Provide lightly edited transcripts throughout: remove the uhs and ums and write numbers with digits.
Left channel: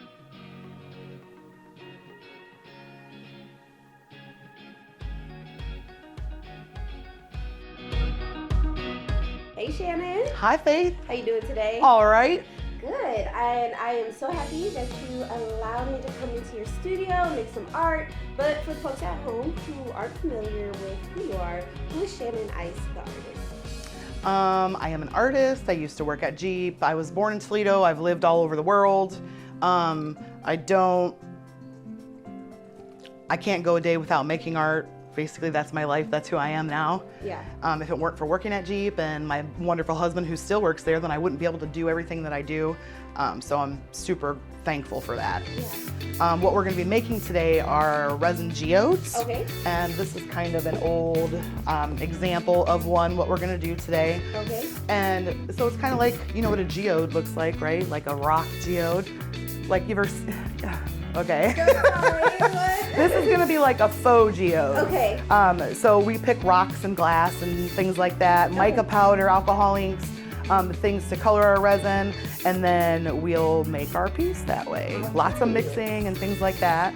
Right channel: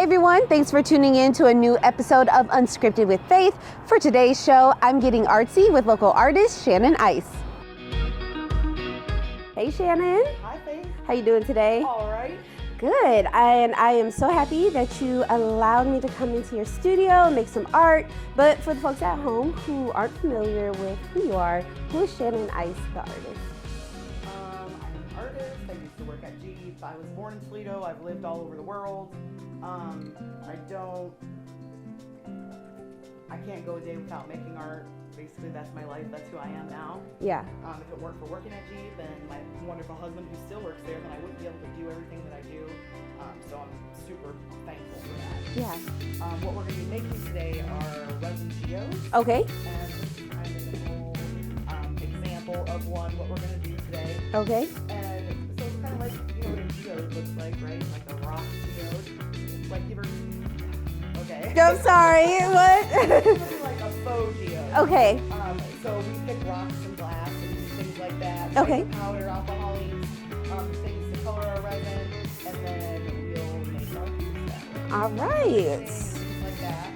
Hey everyone, thanks for tuning in to a new episode of Unscripted with Fayth. For today's show, I'm getting artsy with local artist Shannon Eis. Hey Shannon. Hi Fayth. How you doing today? All right. Good, and I am so happy that you allowed me to come into your studio and make some art. But for the folks at home who aren't familiar with who you are, who is Shannon Eis, the artist? I am an artist. I used to work at Jeep. I was born in Toledo. I've lived all over the world. I can't go a day without making art. Basically, that's my life. That's who I am now. Yeah. If it weren't for working at Jeep and my wonderful husband who still works there, then I wouldn't be able to do everything that I do. So I'm super thankful for that. Yeah. What we're going to be making today are resin geodes. Okay. And this is kind of an old example of what we're going to do today. Okay. And so it's kind of like, you know what a geode looks like, right? Like a rock geode. Like you've ever... Okay. Go, sorry, what? This is gonna be like a faux geode. Okay. So we pick rocks and glass and things like that, Okay. mica powder, alcohol inks, things to color our resin, and then we'll make our piece that way. All Lots of right. mixing and things like that.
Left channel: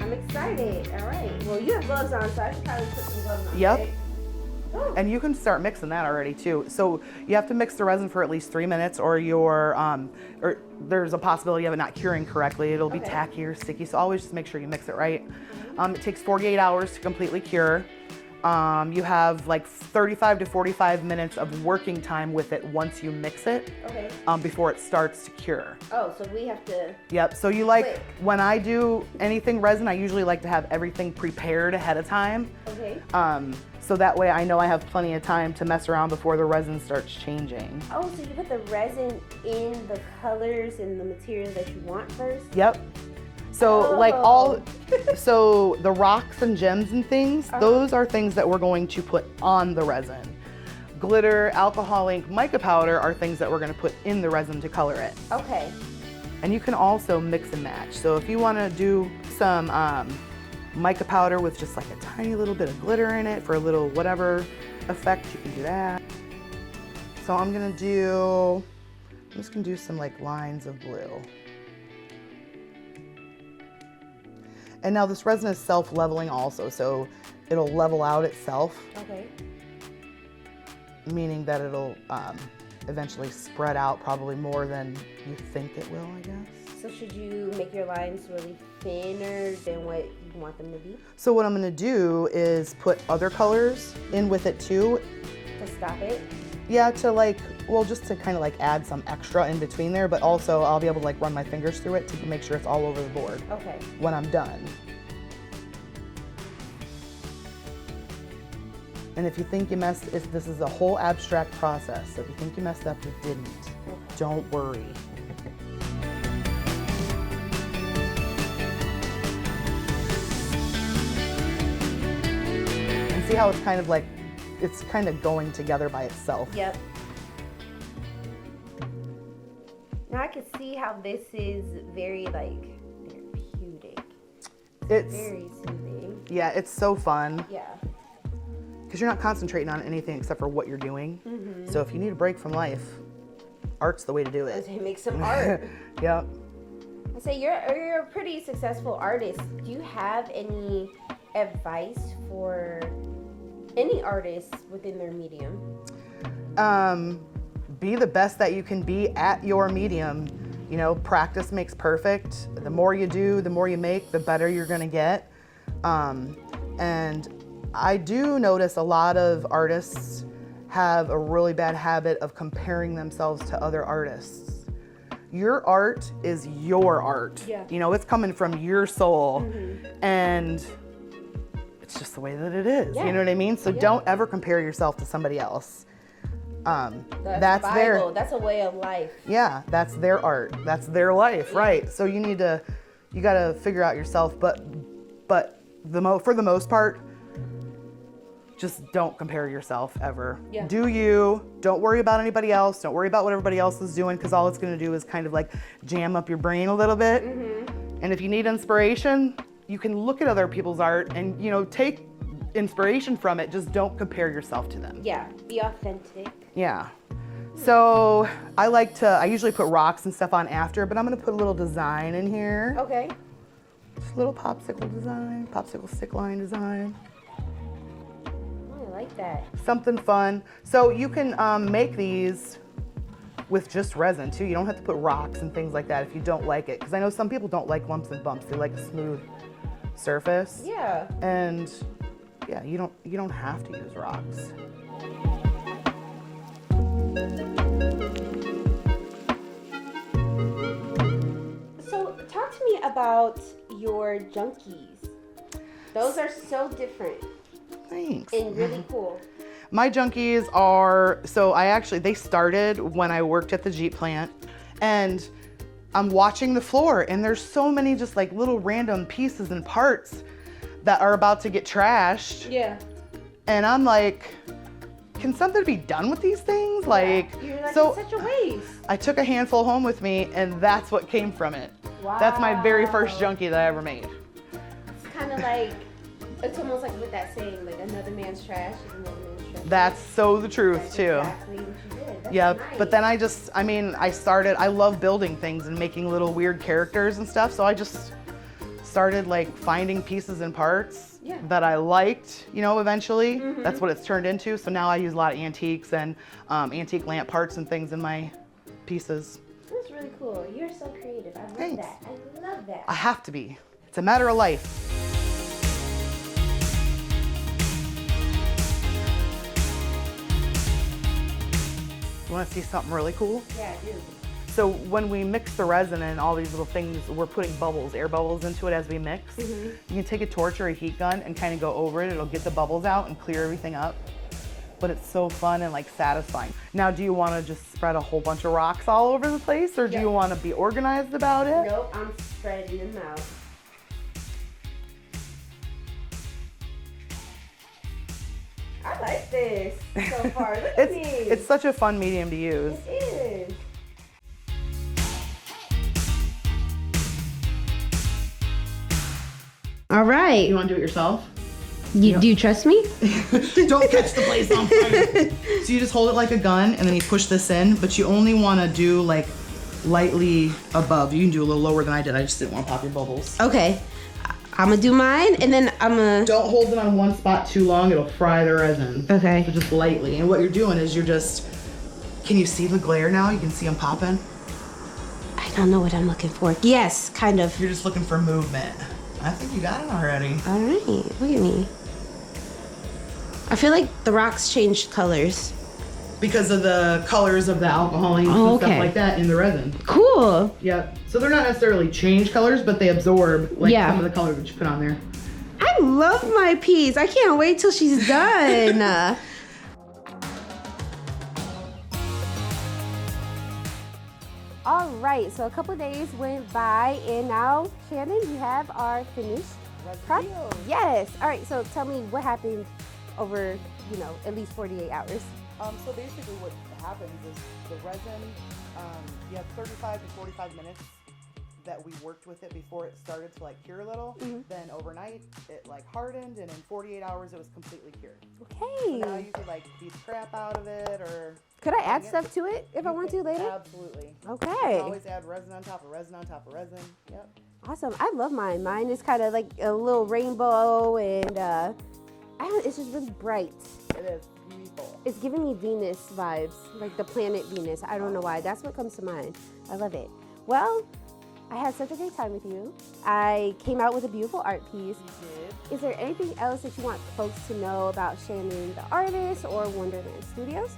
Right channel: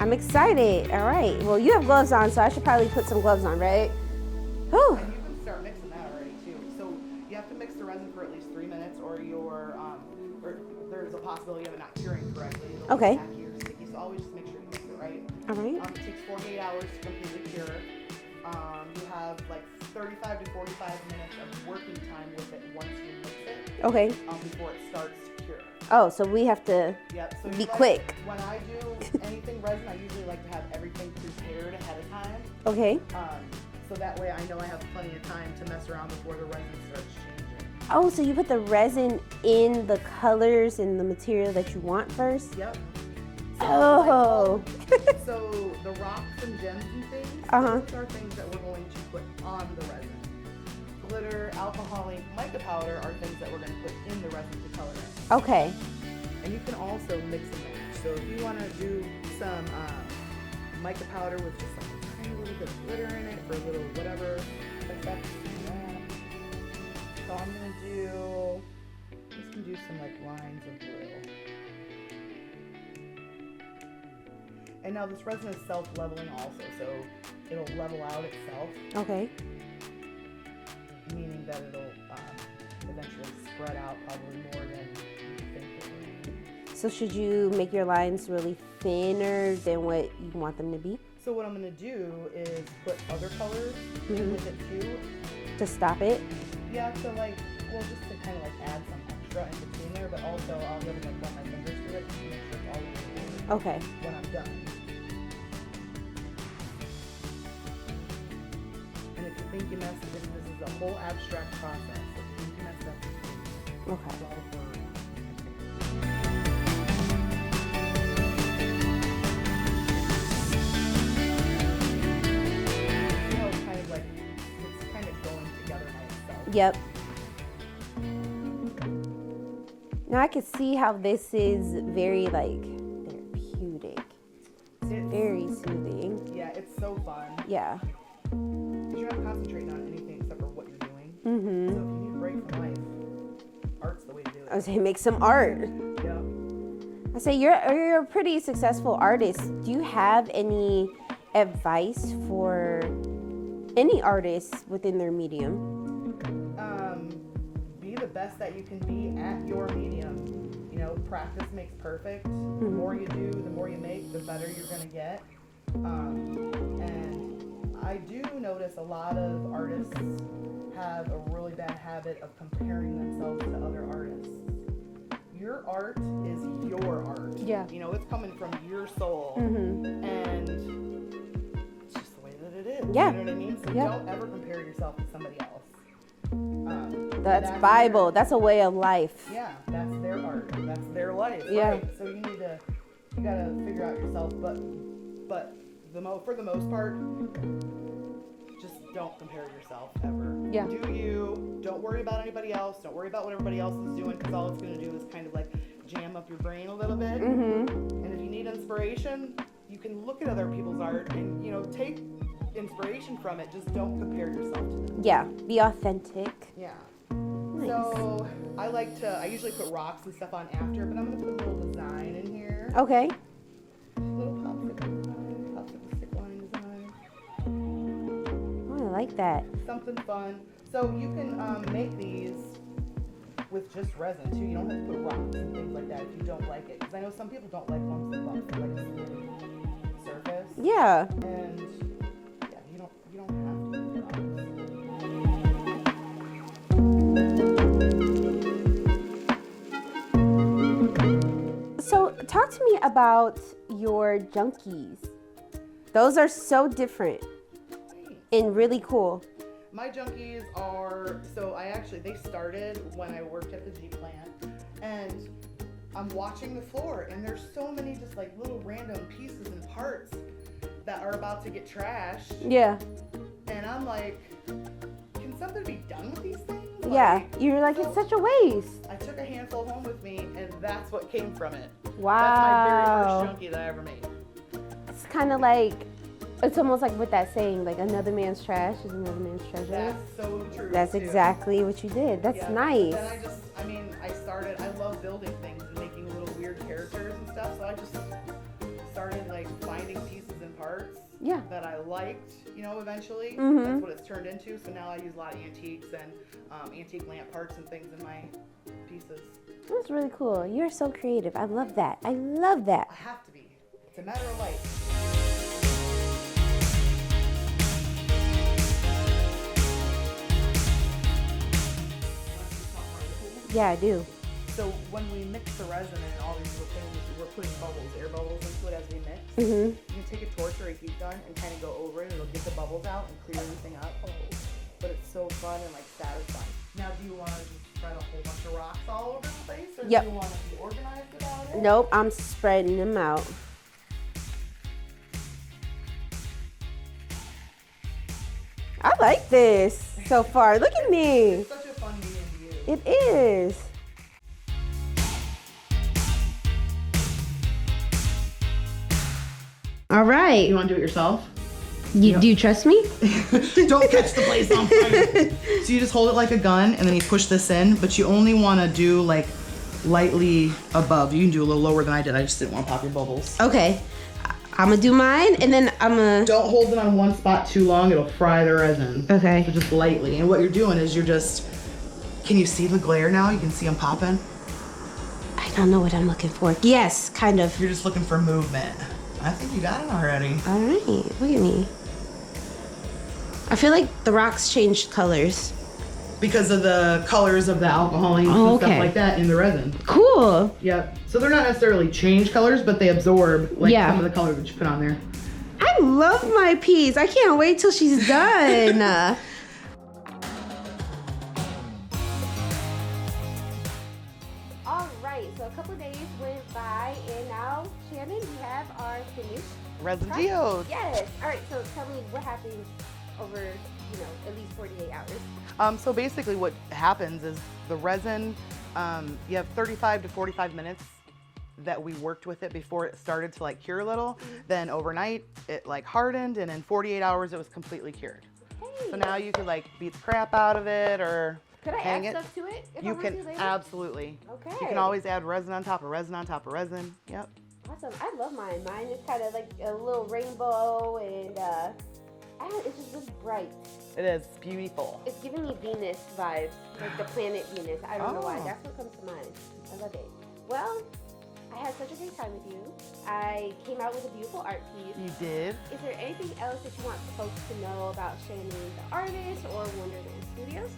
I'm excited. All right. Well, you have gloves on, so I should probably put some gloves on, Yep. right? Whew. And you can start mixing that already too. So you have to mix the resin for at least 3 minutes, or or there's a possibility of it not curing correctly. It'll be Okay. tacky or sticky. So always just make sure you mix it right. All right. It takes 48 hours to completely cure. You have like 35 to 45 minutes of working time with it once you mix it. Okay. Before it starts to cure. Oh, so we have to... Yep. So you Be like quick. when I do anything resin, I usually like to have everything prepared ahead of time. Okay. So that way I know I have plenty of time to mess around before the resin starts changing. Oh, so you put the resin in the colors and the material that you want first? Yep. So like so the rocks and gems and things, those are things that we're going to put on the resin. Glitter, alcohol ink, mica powder are things that we're going to put in the resin to color it. Okay. And you can also mix and match. So if you want to do some mica powder with just like a tiny little bit of glitter in it for a little whatever effect, you can do that. So I'm just gonna do some like lines of blue. And now this resin is self-leveling also, so it'll level out itself. Okay. Meaning that it'll eventually spread out probably more than you think it will, I guess. So should you make your lines really thinner than what you want them to be? So what I'm gonna do is put other colors in with it too. To stop it? Yeah, to like, well, just to kind of like add some extra in between there, but also I'll be able to like run my fingers through it to make sure it's all over the board. Okay. When I'm done. And if you think you messed, this is a whole abstract process. So if you think you messed up, you didn't. Okay. Don't worry. And see how it's kind of like, it's kind of going together by itself. Yep. Now I can see how this is very like therapeutic. It's Very soothing. Yeah, it's so fun. Yeah. Because you're not concentrating on anything except for what you're doing. Mm-hmm. So if you need a break from life, art's the way to do I it. say make some art. Yep. I say you're a pretty successful artist. Do you have any advice for any artists within their medium? Be the best that you can be at your medium. You know, practice makes perfect. The more you do, the more you make, the better you're gonna get. And I do notice a lot of artists have a really bad habit of comparing themselves to other artists. Your art is your art. Yeah. You know, it's coming from your soul. And it's just the way that it is. Yeah. You know what I mean? So Yeah. don't ever compare yourself to somebody else. That's Bible. That's a way of life. Yeah, that's their art. That's their life, Yeah. right? So you gotta figure out yourself. But for the most part, just don't compare yourself ever. Yeah. Do you? Don't worry about anybody else. Don't worry about what everybody else is doing, because all it's gonna do is kind of like jam up your brain a little bit. And if you need inspiration, you can look at other people's art and take inspiration from it. Just don't compare yourself to them. Yeah, be authentic. Yeah. So I usually put rocks and stuff on after, but I'm gonna put a little design in here. Okay. Just a little popsicle stick line design. Oh, I like that. Something fun. So you can make these with just resin too. You don't have to put rocks and things like that if you don't like it. Because I know some people don't like lumps and bumps. They like a smooth surface. Yeah. And yeah, you don't have to use rocks. So talk to me about your junkies. Those are so different. Thanks. And really cool. My junkies are, they started when I worked at the Jeep plant, and I'm watching the floor, and there's so many just like little random pieces and parts that are about to get trashed. Yeah. And I'm like, can something be done with these things? Yeah. You were like, it's such a waste. I took a handful home with me, and that's what came from it. Wow. That's my very first junkie that I ever made. It's kind of like, it's almost like with that saying, like another man's trash is another man's treasure. That's so the truth, That's too. exactly what you did. That's nice. But then I love building things and making little weird characters and stuff, so I just started like finding pieces and parts that I liked, eventually. Mm-hmm. That's what it's turned into. So now I use a lot of antiques and antique lamp parts and things in my pieces. That's really cool. You're so creative. I love that. I love that. I have to be. It's a matter of life. You want to see something really cool? Yeah, I do. So when we mix the resin and all these little things, we're putting air bubbles into it as we mix. Mm-hmm. You can take a torch or a heat gun and kind of go over it. It'll get the bubbles out and clear everything up. But it's so fun and like satisfying. Now, do you want to just spread a whole bunch of rocks all over the place, or do you want to be organized about it? Nope, I'm spreading them out. I like this so far. Look at me. It's such a fun medium to use. It is. All right. You want to do it yourself? Do you trust me? Don't catch the place on fire. So you just hold it like a gun, and then you push this in, but you only want to do like lightly above. You can do a little lower than I did. I just didn't want to pop your bubbles. Okay. I'm gonna do mine, and then I'm gonna... Don't hold it on one spot too long. It'll fry the resin. Okay. So just lightly. And what you're doing is can you see the glare now? You can see them popping? I don't know what I'm looking for. Yes, kind of. You're just looking for movement. I think you got it already. All right, look at me. I feel like the rocks changed colors. Because of the colors of the alcohol and stuff like that in the resin. Cool. Yep. So they're not necessarily change colors, but they absorb some of the color that you put on there. I love my piece. I can't wait till she's done. All right, so a couple of days went by, and now, Shannon, you have our finished resin product. geode. Yes. All right, so tell me what happened over, at least 48 hours. So basically what happens is the resin, you have 35 to 45 minutes that we worked with it before it started to like cure a little. Mm-hmm. Then overnight it like hardened, and in 48 hours it was completely cured. Okay. So now you could like beat the crap out of it, or could I add stuff to it if I want to later? Absolutely. Okay. You can always add resin on top of resin on top of resin. Yep. Awesome. I love mine. Mine is kind of like a little rainbow, and it's just really bright. It is beautiful. It's giving me Venus vibes, like the planet Venus. I don't know why. That's what comes to mind. I love it. Well, I had such a great time with you. I came out with a beautiful art piece. You did. Is there anything else that you want folks to know about Shannon the Artist or Wonderland Studios?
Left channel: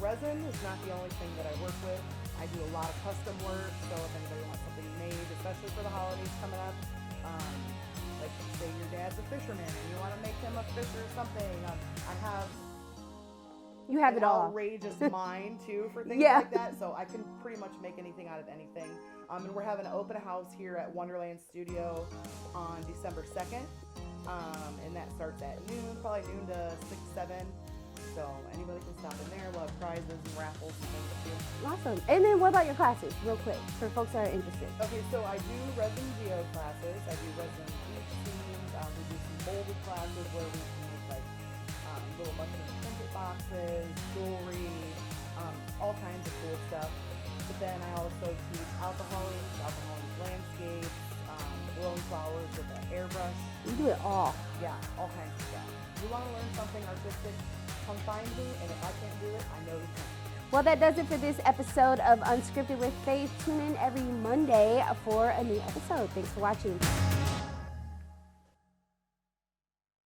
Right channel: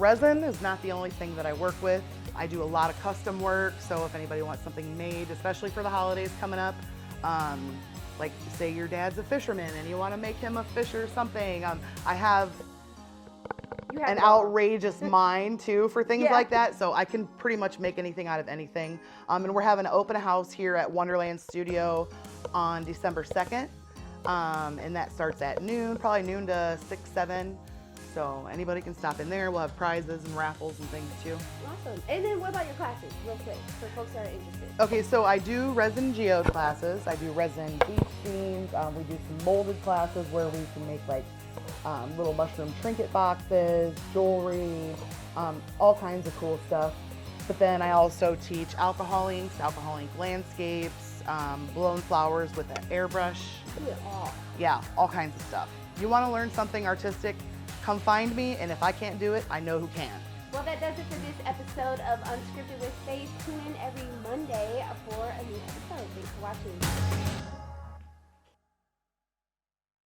Resin is not the only thing that I work with. I do a lot of custom work, so if anybody wants something made, especially for the holidays coming up, like say your dad's a fisherman and you want to make him a fish or something. I have an outrageous mind too for things like that, so I can pretty much make anything out of anything. And we're having an open house here at Wonderland Studio on December 2nd, and that starts at noon, probably noon to 6, 7. So anybody can stop in there. We'll have prizes and raffles and things too. Awesome. And then what about your classes, real quick, for folks that are interested? Okay, so I do resin geode classes. I do resin beach themes. We do some molded classes where we can make like little mushroom trinket boxes, jewelry, all kinds of cool stuff. But then I also teach alcohol inks landscapes, blown flowers with an airbrush. You do it all. Yeah, all kinds of stuff. You want to learn something artistic, come find me, and if I can't do it, I know who can. Well, that does it for this episode of Unscripted with Fayth. Tune in every Monday for a new episode. Thanks for watching.